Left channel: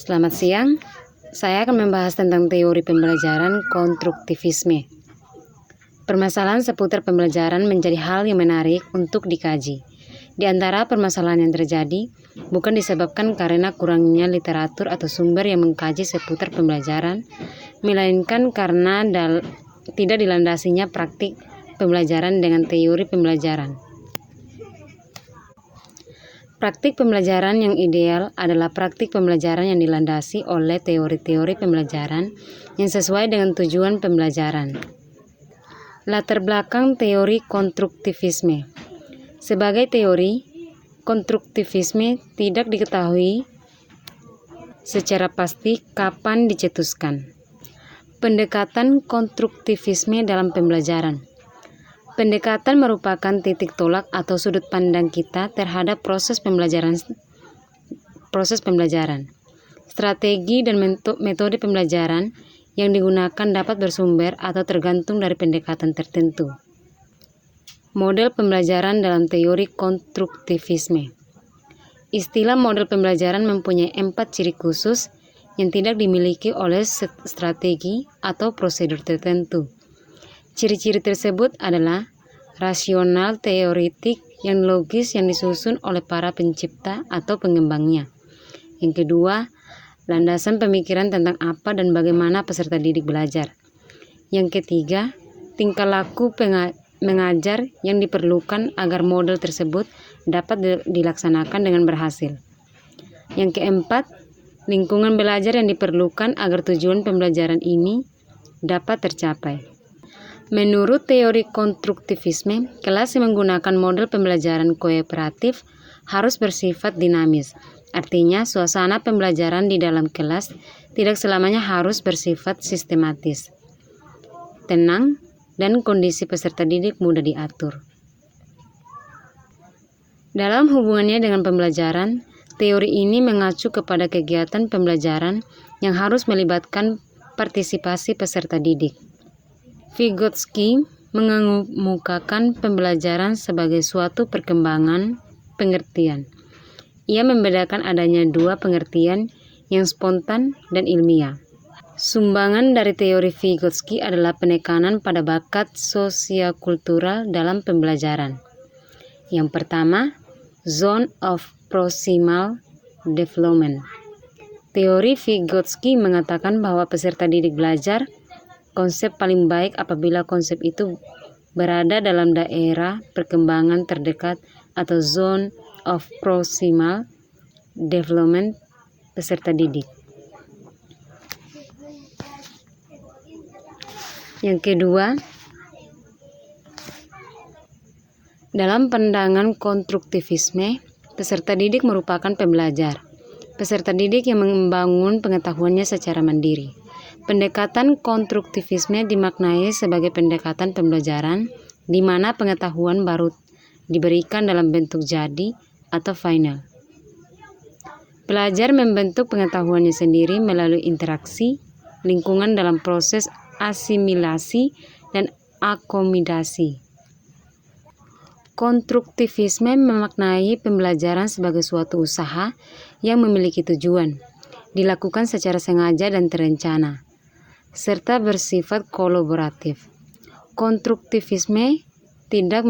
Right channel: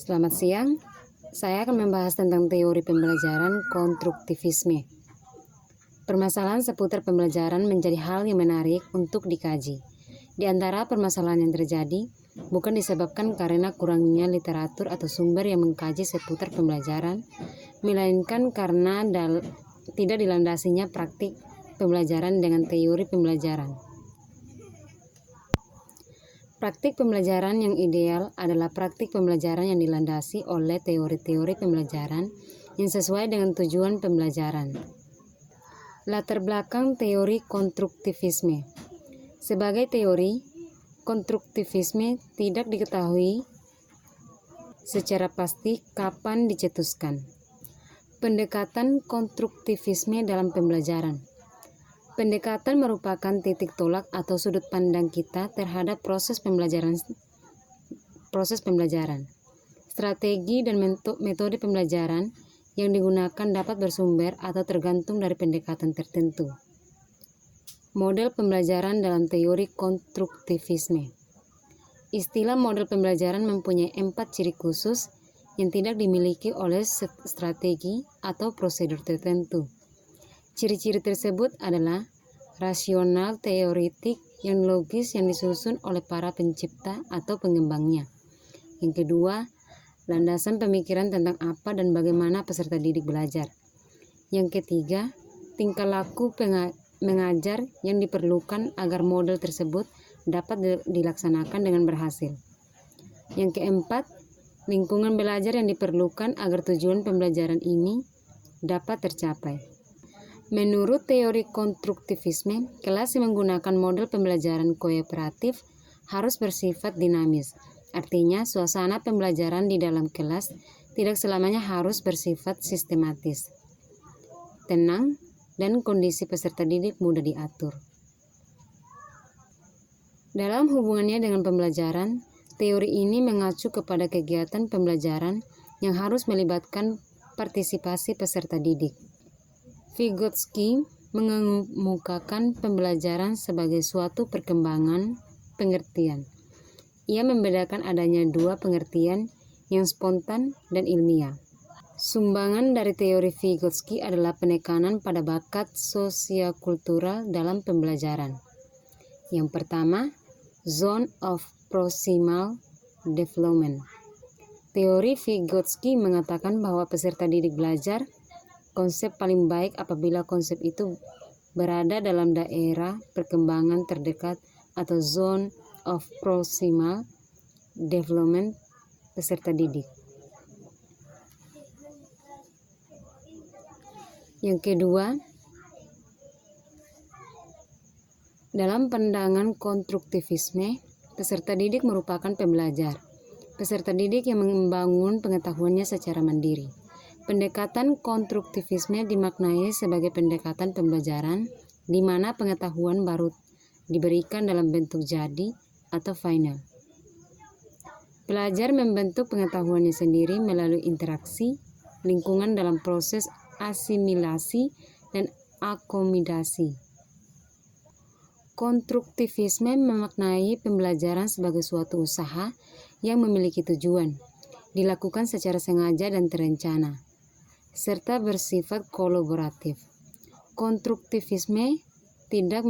Selamat siang, saya akan membahas tentang teori pembelajaran konstruktivisme. Permasalahan seputar pembelajaran menjadi hal yang menarik untuk dikaji. Di antara permasalahan yang terjadi, bukan disebabkan karena kurangnya literatur atau sumber yang mengkaji seputar pembelajaran, melainkan karena tidak dilandasinya praktik pembelajaran dengan teori pembelajaran. Praktik pembelajaran yang ideal adalah praktik pembelajaran yang dilandasi oleh teori-teori pembelajaran yang sesuai dengan tujuan pembelajaran. Latar belakang teori konstruktivisme. Sebagai teori, konstruktivisme tidak diketahui secara pasti kapan dicetuskan. Pendekatan konstruktivisme dalam pembelajaran. Pendekatan merupakan titik tolak atau sudut pandang kita terhadap proses pembelajaran. Strategi dan metode pembelajaran yang digunakan dapat bersumber atau tergantung dari pendekatan tertentu. Model pembelajaran dalam teori konstruktivisme. Istilah model pembelajaran mempunyai 4 ciri khusus yang tidak dimiliki oleh strategi atau prosedur tertentu. Ciri-ciri tersebut adalah rasional teoretik yang logis yang disusun oleh para pencipta atau pengembangnya. Yang kedua, landasan pemikiran tentang apa dan bagaimana peserta didik belajar. Yang ketiga, tingkah laku mengajar yang diperlukan agar model tersebut dapat dilaksanakan dengan berhasil. Yang keempat, lingkungan belajar yang diperlukan agar tujuan pembelajaran ini dapat tercapai. Menurut teori konstruktivisme, kelas yang menggunakan model pembelajaran kooperatif harus bersifat dinamis. Artinya, suasana pembelajaran di dalam kelas tidak selamanya harus bersifat sistematis, tenang, dan kondisi peserta didik mudah diatur. Dalam hubungannya dengan pembelajaran, teori ini mengacu kepada kegiatan pembelajaran yang harus melibatkan partisipasi peserta didik. Vygotsky mengemukakan pembelajaran sebagai suatu perkembangan pengertian. Ia membedakan adanya 2 pengertian yang spontan dan ilmiah. Sumbangan dari teori Vygotsky adalah penekanan pada bakat sosiokultural dalam pembelajaran. Yang pertama, zone of proximal development. Teori Vygotsky mengatakan bahwa peserta didik belajar konsep paling baik apabila konsep itu berada dalam daerah perkembangan terdekat atau zone of proximal development peserta didik. Yang kedua, dalam pandangan konstruktivisme, peserta didik merupakan pembelajar. Peserta didik yang membangun pengetahuannya secara mandiri. Pendekatan konstruktivisme dimaknai sebagai pendekatan pembelajaran di mana pengetahuan baru diberikan dalam bentuk jadi atau final. Pelajar membentuk pengetahuannya sendiri melalui interaksi lingkungan dalam proses asimilasi dan akomodasi. Konstruktivisme memaknai pembelajaran sebagai suatu usaha yang memiliki tujuan, dilakukan secara sengaja dan terencana, serta bersifat kolaboratif. Konstruktivisme tidak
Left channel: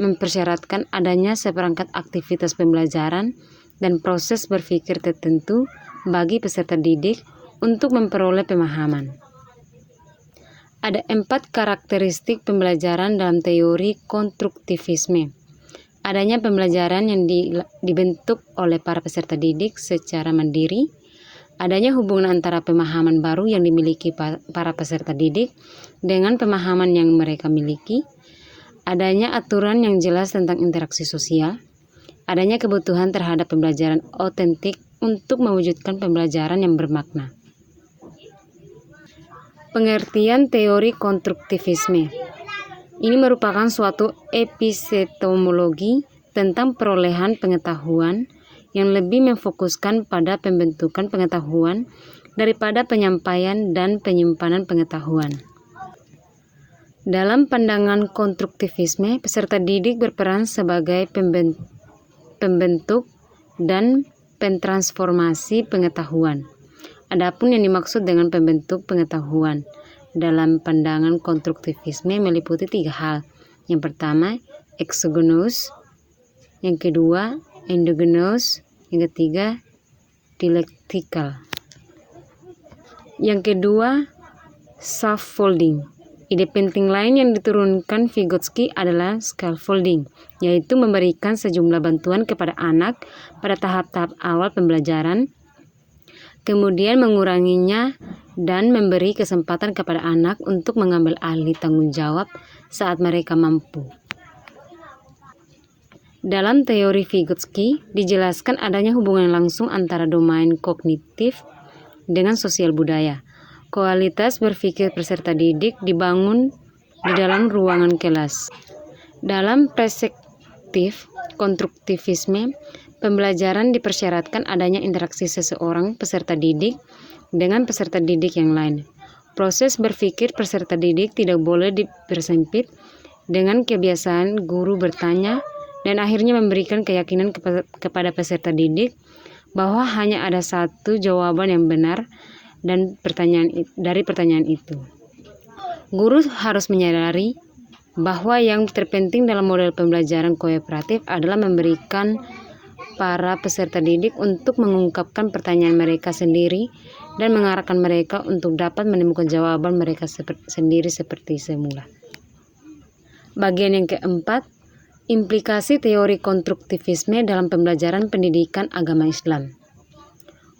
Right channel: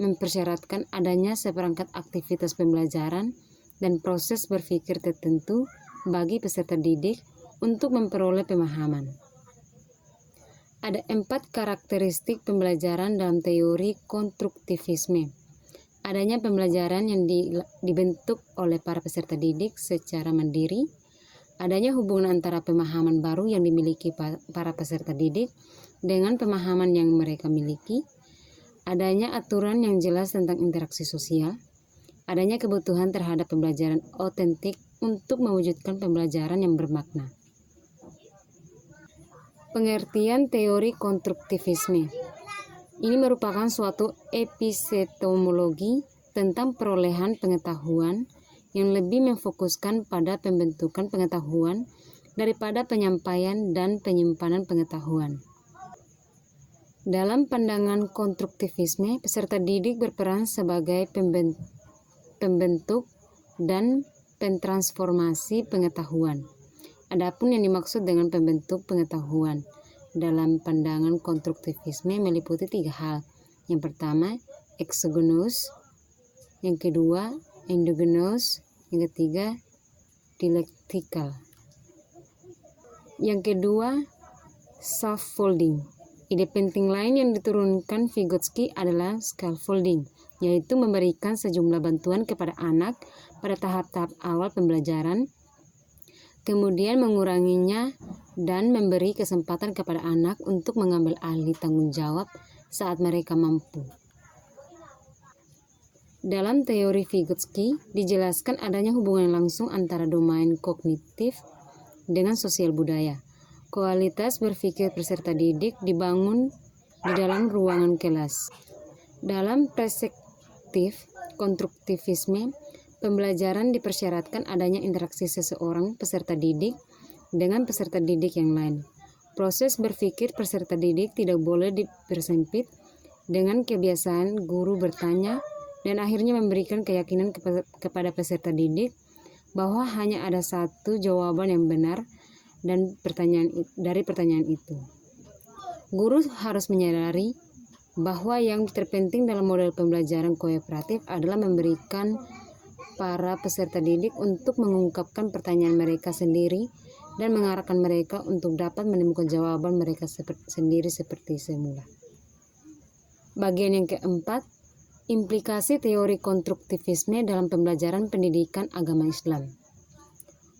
mempersyaratkan adanya seperangkat aktivitas pembelajaran dan proses berpikir tertentu bagi peserta didik untuk memperoleh pemahaman. Ada 4 karakteristik pembelajaran dalam teori konstruktivisme. Adanya pembelajaran yang dibentuk oleh para peserta didik secara mandiri, adanya hubungan antara pemahaman baru yang dimiliki para peserta didik dengan pemahaman yang mereka miliki, adanya aturan yang jelas tentang interaksi sosial, adanya kebutuhan terhadap pembelajaran otentik untuk mewujudkan pembelajaran yang bermakna. Pengertian teori konstruktivisme. Ini merupakan suatu epistemologi tentang perolehan pengetahuan yang lebih memfokuskan pada pembentukan pengetahuan daripada penyampaian dan penyimpanan pengetahuan. Dalam pandangan konstruktivisme, peserta didik berperan sebagai pembentuk dan pentransformasi pengetahuan. Adapun yang dimaksud dengan pembentuk pengetahuan dalam pandangan konstruktivisme meliputi 3 hal. Yang pertama, exogenous, yang kedua, endogenous, yang ketiga, dialektikal. Yang kedua, scaffolding. Ide penting lain yang diturunkan Vygotsky adalah scaffolding, yaitu memberikan sejumlah bantuan kepada anak pada tahap-tahap awal pembelajaran, kemudian menguranginya dan memberi kesempatan kepada anak untuk mengambil alih tanggung jawab saat mereka mampu. Dalam teori Vygotsky dijelaskan adanya hubungan langsung antara domain kognitif dengan sosial budaya. Kualitas berpikir peserta didik dibangun di dalam ruangan kelas. Dalam perspektif konstruktivisme, pembelajaran dipersyaratkan adanya interaksi seseorang peserta didik dengan peserta didik yang lain. Proses berpikir peserta didik tidak boleh dipersempit dengan kebiasaan guru bertanya dan akhirnya memberikan keyakinan kepada peserta didik bahwa hanya ada satu jawaban yang benar dan dari pertanyaan itu. Guru harus menyadari bahwa yang terpenting dalam model pembelajaran kooperatif adalah memberikan para peserta didik untuk mengungkapkan pertanyaan mereka sendiri dan mengarahkan mereka untuk dapat menemukan jawaban mereka sendiri seperti semula. Bagian yang keempat, implikasi teori konstruktivisme dalam pembelajaran pendidikan agama Islam.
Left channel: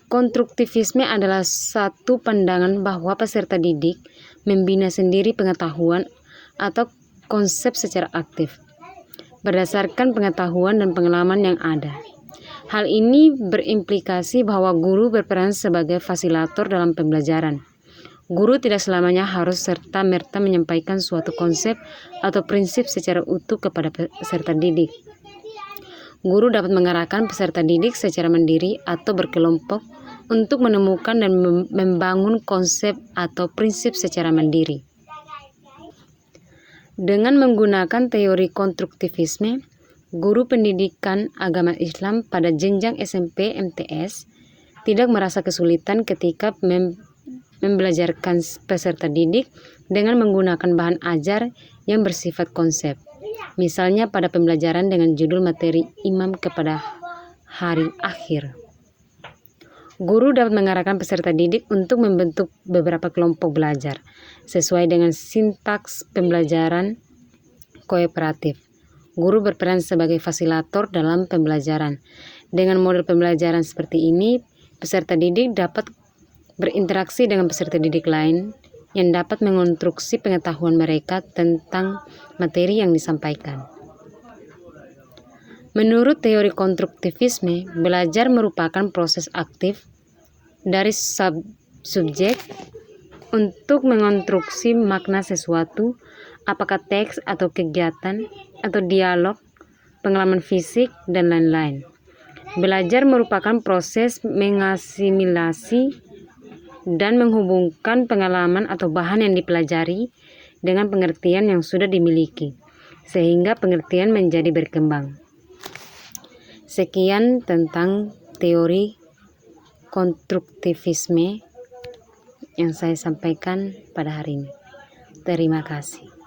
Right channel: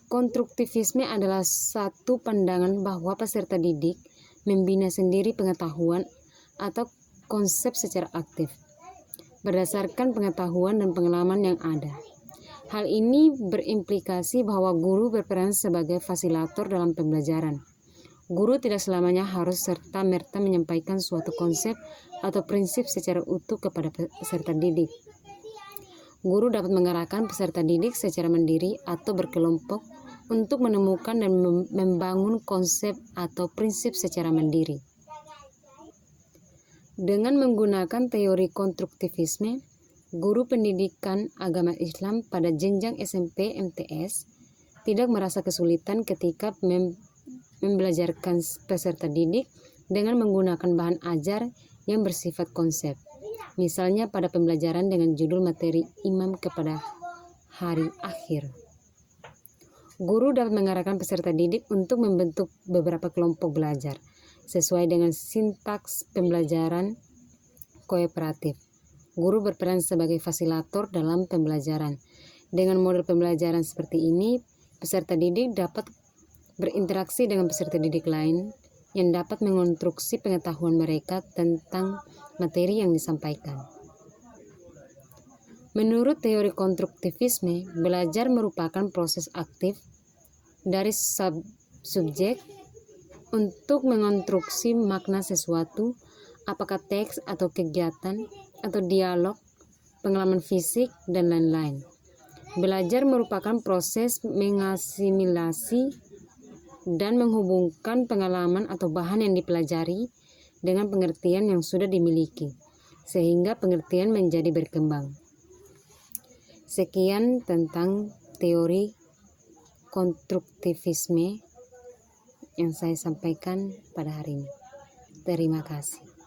Konstruktivisme adalah satu pandangan bahwa peserta didik membina sendiri pengetahuan atau konsep secara aktif, berdasarkan pengetahuan dan pengalaman yang ada. Hal ini berimplikasi bahwa guru berperan sebagai fasilitator dalam pembelajaran. Guru tidak selamanya harus serta-merta menyampaikan suatu konsep atau prinsip secara utuh kepada peserta didik. Guru dapat mengarahkan peserta didik secara mandiri atau berkelompok untuk menemukan dan membangun konsep atau prinsip secara mandiri. Dengan menggunakan teori konstruktivisme, guru pendidikan agama Islam pada jenjang SMP MTS tidak merasa kesulitan ketika membelajarkan peserta didik dengan menggunakan bahan ajar yang bersifat konsep. Misalnya pada pembelajaran dengan judul materi Imam kepada Hari Akhir. Guru dapat mengarahkan peserta didik untuk membentuk beberapa kelompok belajar sesuai dengan sintaks pembelajaran kooperatif. Guru berperan sebagai fasilitator dalam pembelajaran. Dengan model pembelajaran seperti ini, peserta didik dapat berinteraksi dengan peserta didik lain yang dapat mengonstruksi pengetahuan mereka tentang materi yang disampaikan. Menurut teori konstruktivisme, belajar merupakan proses aktif dari subjek untuk mengonstruksi makna sesuatu, apakah teks atau kegiatan atau dialog, pengalaman fisik, dan lain-lain. Belajar merupakan proses mengasimilasi dan menghubungkan pengalaman atau bahan yang dipelajari dengan pengertian yang sudah dimiliki, sehingga pengertian menjadi berkembang. Sekian tentang teori konstruktivisme yang saya sampaikan pada hari ini. Terima kasih.